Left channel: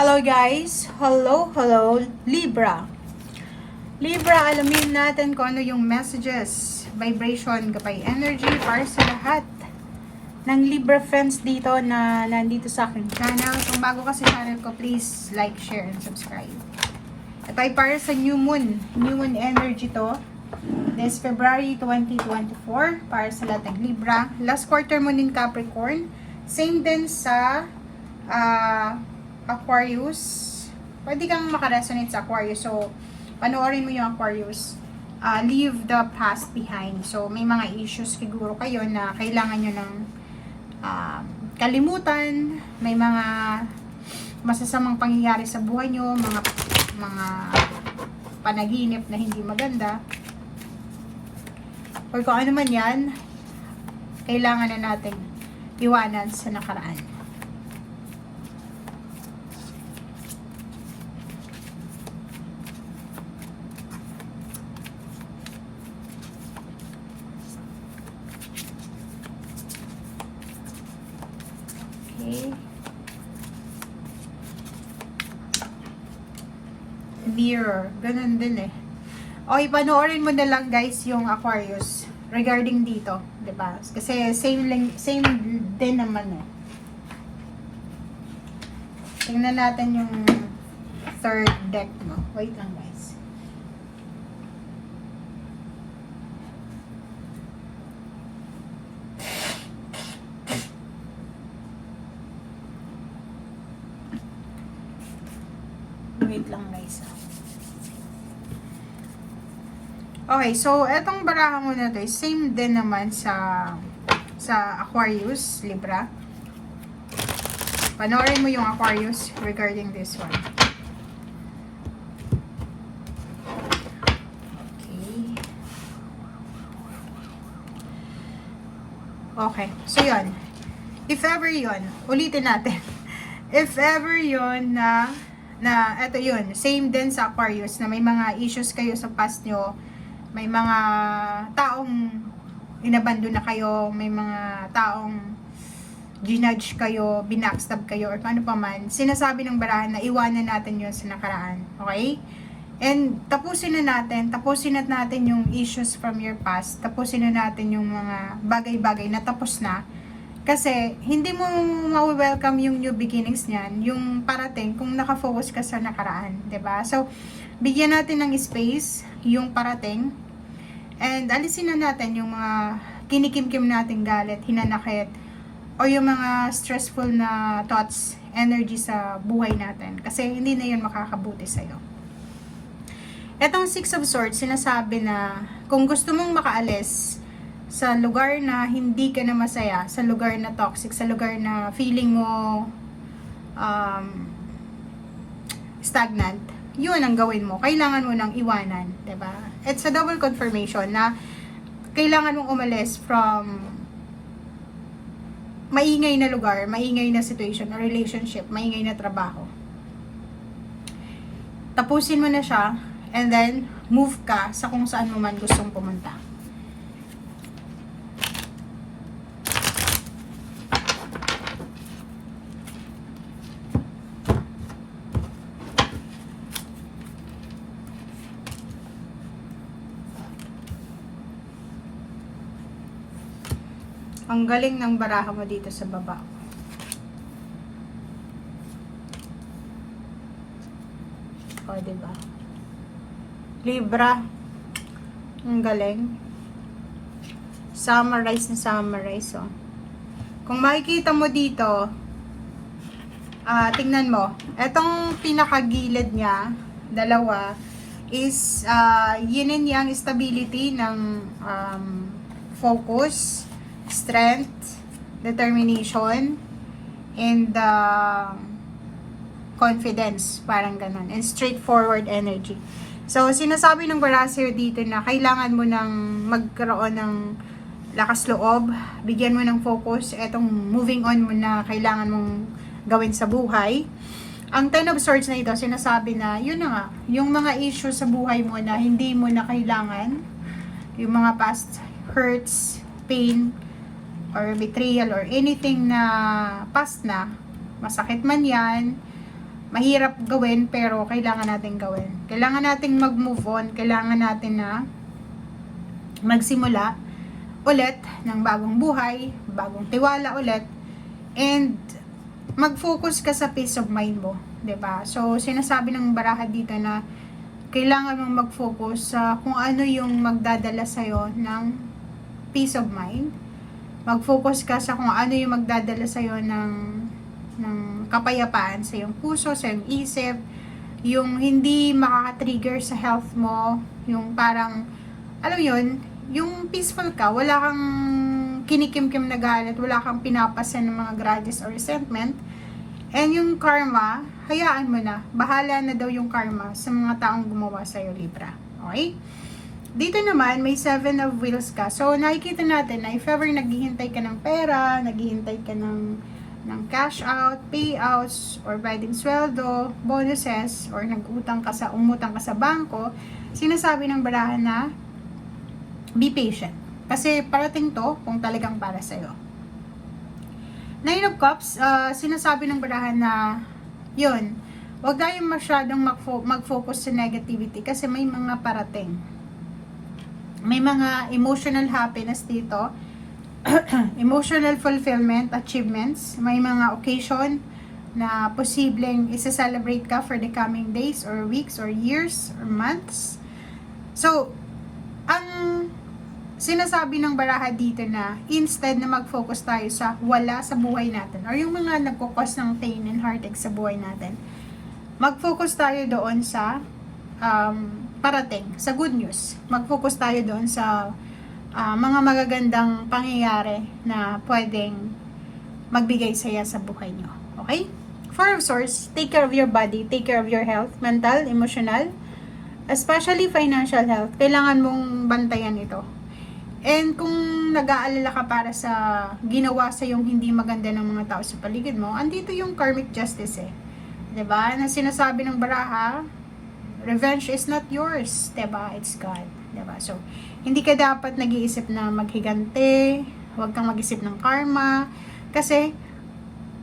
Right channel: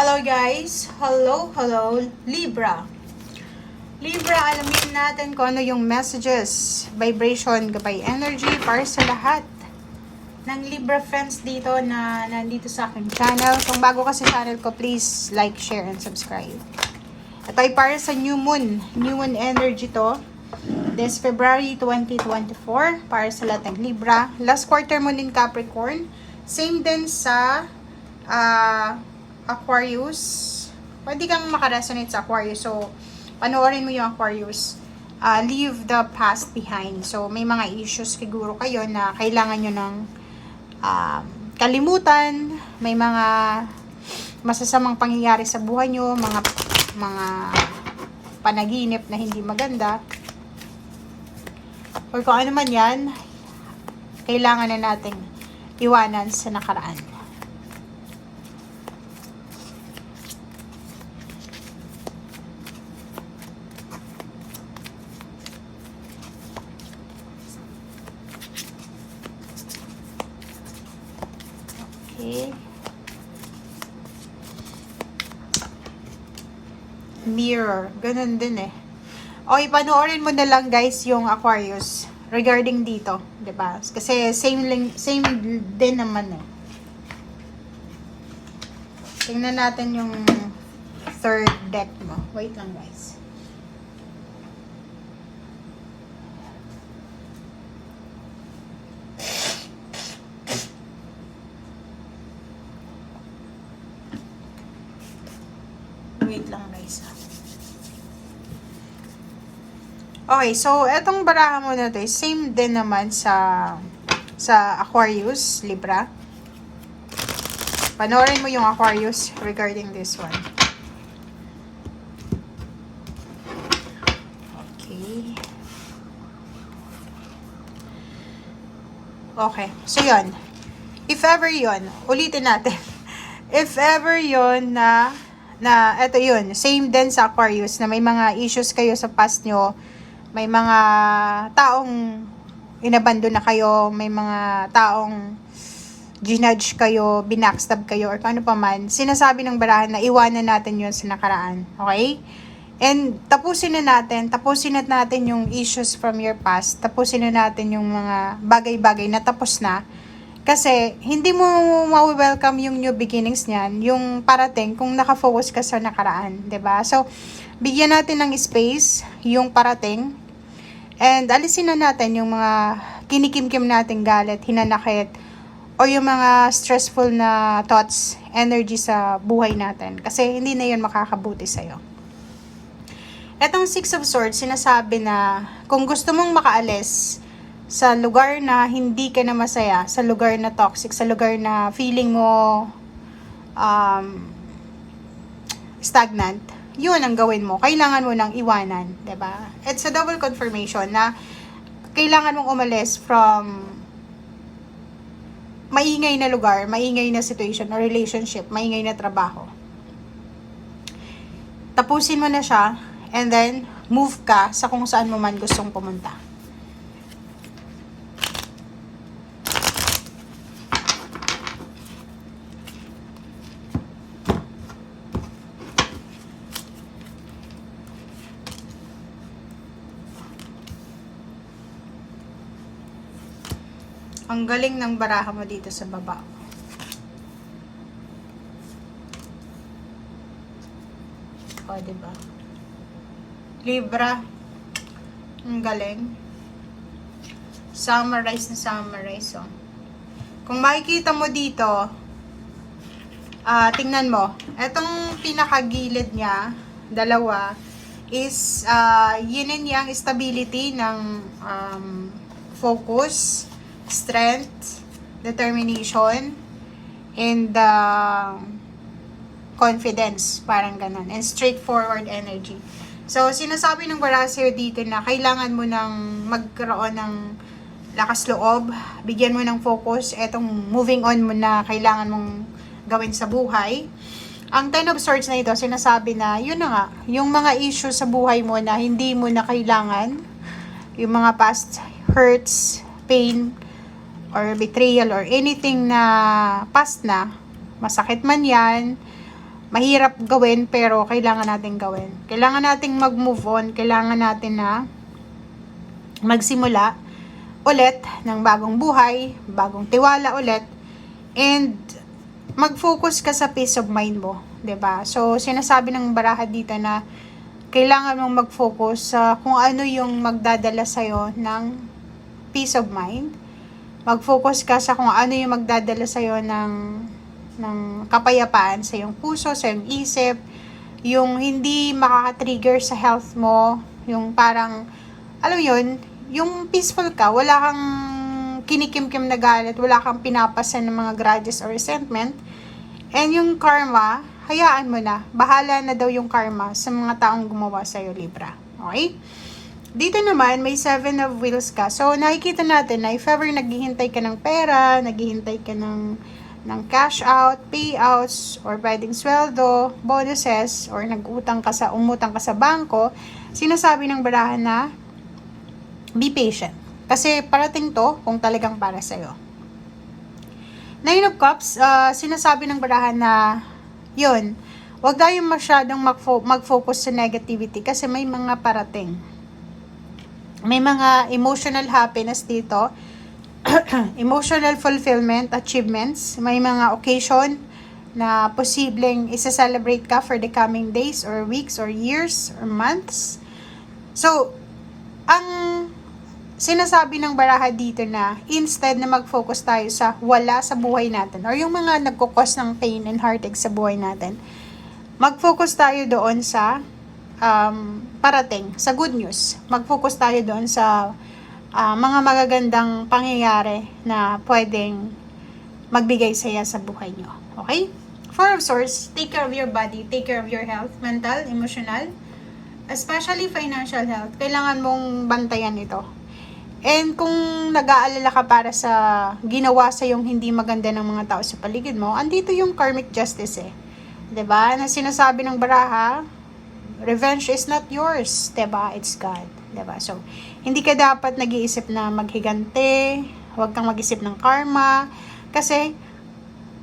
Hello guys! Hello Libra! Libra, alamin natin kung ano yung messages, vibration, gabay energy para sa lahat ng Libra friends dito na nandito sa aking channel. Kung bago ka sa channel ko, please like, share, and subscribe. Ito ay para sa new moon energy to. This February 2024 para sa lahat ng Libra. Last quarter moon in Capricorn. Same din sa Aquarius. Pwede kang makaresonate sa Aquarius. So, panoorin mo yung Aquarius. Leave the past behind. So, may mga issues siguro kayo na kailangan nyo ng kalimutan. May mga masasamang pangyayari sa buhay nyo. Mga panaginip na hindi maganda. Or kung ano man yan, kailangan na nating iwanan sa nakaraan. Okay. Mirror. Ganun din eh. Okay, panoorin mo na lang guys yung Aquarius regarding dito, 'di ba? Kasi same din naman eh. Tingnan natin yung third deck mo. Wait lang guys. Wait lang guys. Okay, so etong baraha mo na to, same din naman sa Aquarius, Libra. Panoorin mo yung Aquarius regarding this one. Okay. Okay, so yun. If ever yun, ulitin natin. If ever yun na eto yun, same din sa Aquarius na may mga issues kayo sa past nyo, may mga taong inabandon na kayo, may mga taong ginudge kayo, binackstab kayo, or ano pa man, sinasabi ng barahan na iwanan natin yun sa nakaraan. Okay? And tapusin na natin yung issues from your past, tapusin na natin yung mga bagay-bagay na tapos na. Kasi hindi mo ma-welcome yung new beginnings niyan, yung parating kung nakafocus ka sa nakaraan, 'di ba? So, bigyan natin ng space yung parating. And alisin na natin yung mga kinikimkim nating galit, hinanakit, o yung mga stressful na thoughts, energy sa buhay natin. Kasi hindi na yun makakabuti sa'yo. Etong Six of Swords, sinasabi na kung gusto mong makaalis sa lugar na hindi ka na masaya, sa lugar na toxic, sa lugar na feeling mo stagnant, yun ang gawin mo. Kailangan mo nang iwanan, 'di ba? It's a double confirmation na kailangan mong umalis from maingay na lugar, maingay na situation or relationship, maingay na trabaho. Tapusin mo na siya and then move ka sa kung saan mo man gustong pumunta. Ang galing ng baraha mo dito sa baba. O, diba? Libra. Ang galing. Summarize. Oh. Kung makikita mo dito, tingnan mo. Etong pinakagilid niya, dalawa, is yin and yang stability ng focus, strength, determination, and confidence, parang ganun, and straightforward energy. So, sinasabi ng Barasir dito na kailangan mo nang magkaroon ng lakas loob, bigyan mo ng focus, etong moving on mo na kailangan mong gawin sa buhay. Ang Ten of Swords na ito, sinasabi na, yun na nga, yung mga issues sa buhay mo na hindi mo na kailangan, yung mga past hurts, pain, or betrayal or anything na past na, masakit man yan, mahirap gawin pero kailangan natin gawin. Kailangan nating mag-move on, kailangan natin na magsimula ulit ng bagong buhay, bagong tiwala ulit, and mag-focus ka sa peace of mind mo, 'di ba? So sinasabi ng baraha dito na kailangan mong mag-focus sa kung ano yung magdadala sa'yo ng peace of mind. Mag-focus ka sa kung ano yung magdadala sa'yo ng kapayapaan sa iyong puso, sa iyong isip, yung hindi makaka-trigger sa health mo, yung parang, alam yun, yung peaceful ka, wala kang kinikimkim na galit, wala kang pinapasan ng mga grudges or resentment, and yung karma, hayaan mo na. Bahala na daw yung karma sa mga taong gumawa sa'yo, Libra. Okay? Dito naman, may 7 of wheels ka. So, nakikita natin na if ever naghihintay ka ng pera, naghihintay ka ng cash out, payouts, or pwedeng sweldo, bonuses, or umutang ka sa bangko, sinasabi ng barahan na be patient. Kasi parating to kung talagang para sa'yo. 9 of Cups, sinasabi ng barahan na yun, wag tayong masyadong mag-focus sa negativity kasi may mga parating. May mga emotional happiness dito, emotional fulfillment, achievements, may mga occasion na posibleng isa-celebrate ka for the coming days or weeks or years or months. So, ang sinasabi ng baraha dito na instead na mag-focus tayo sa wala sa buhay natin or yung mga nagkukos ng pain and heartache sa buhay natin, mag-focus tayo doon sa parating, sa good news. Mag-focus tayo doon sa mga magagandang pangyayari na pwedeng magbigay saya sa buhay nyo. Okay? Four of Swords, take care of your body, take care of your health, mental, emotional, especially financial health. Kailangan mong bantayan ito. And kung nag-aalala ka para sa ginawa sa yung hindi maganda ng mga tao sa paligid mo, andito yung karmic justice eh. 'Di ba? Na sinasabi ng baraha, revenge is not yours, 'di ba? It's God, 'di ba? So, hindi ka dapat nag-iisip na maghigante, huwag kang mag-isip ng karma kasi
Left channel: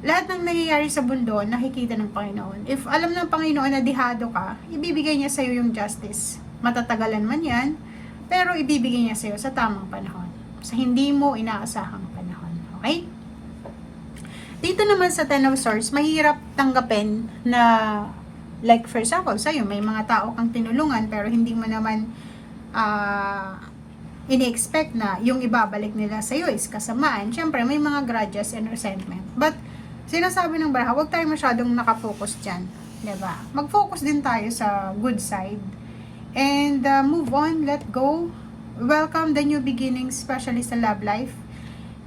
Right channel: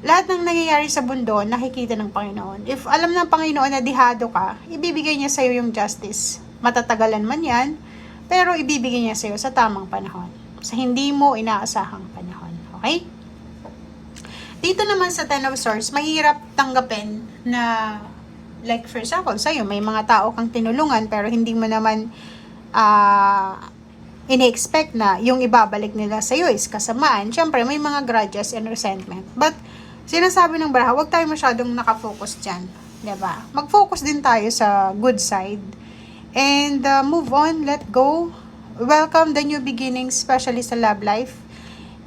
lahat ng nangyayari sa mundo nakikita ng Panginoon. If alam ng Panginoon na dihado ka, ibibigay niya sa iyo yung justice. Matatagalan man 'yan, pero ibibigay niya sa iyo sa tamang panahon. Sa hindi mo inaasahang panahon. Okay? Dito naman sa Ten of Swords, mahirap tanggapin na, like for example, sa'yo, may mga tao kang tinulungan pero hindi mo naman ini-expect na yung ibabalik nila sa'yo is kasamaan. Siyempre, may mga grudges and resentment. But, sinasabi ng baraha, huwag tayo masyadong nakafocus dyan. Diba? Mag-focus din tayo sa good side. And move on, let go. Welcome the new beginnings, especially sa love life.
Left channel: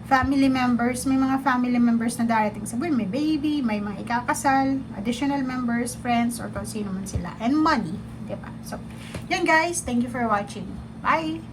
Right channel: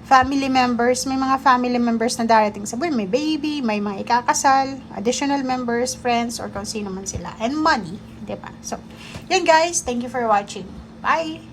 Family members, may mga family members na darating sa buhay. May baby, may mga ikakasal, additional members, friends, or kung sino man sila. And money, diba? So, yun guys, thank you for watching. Bye!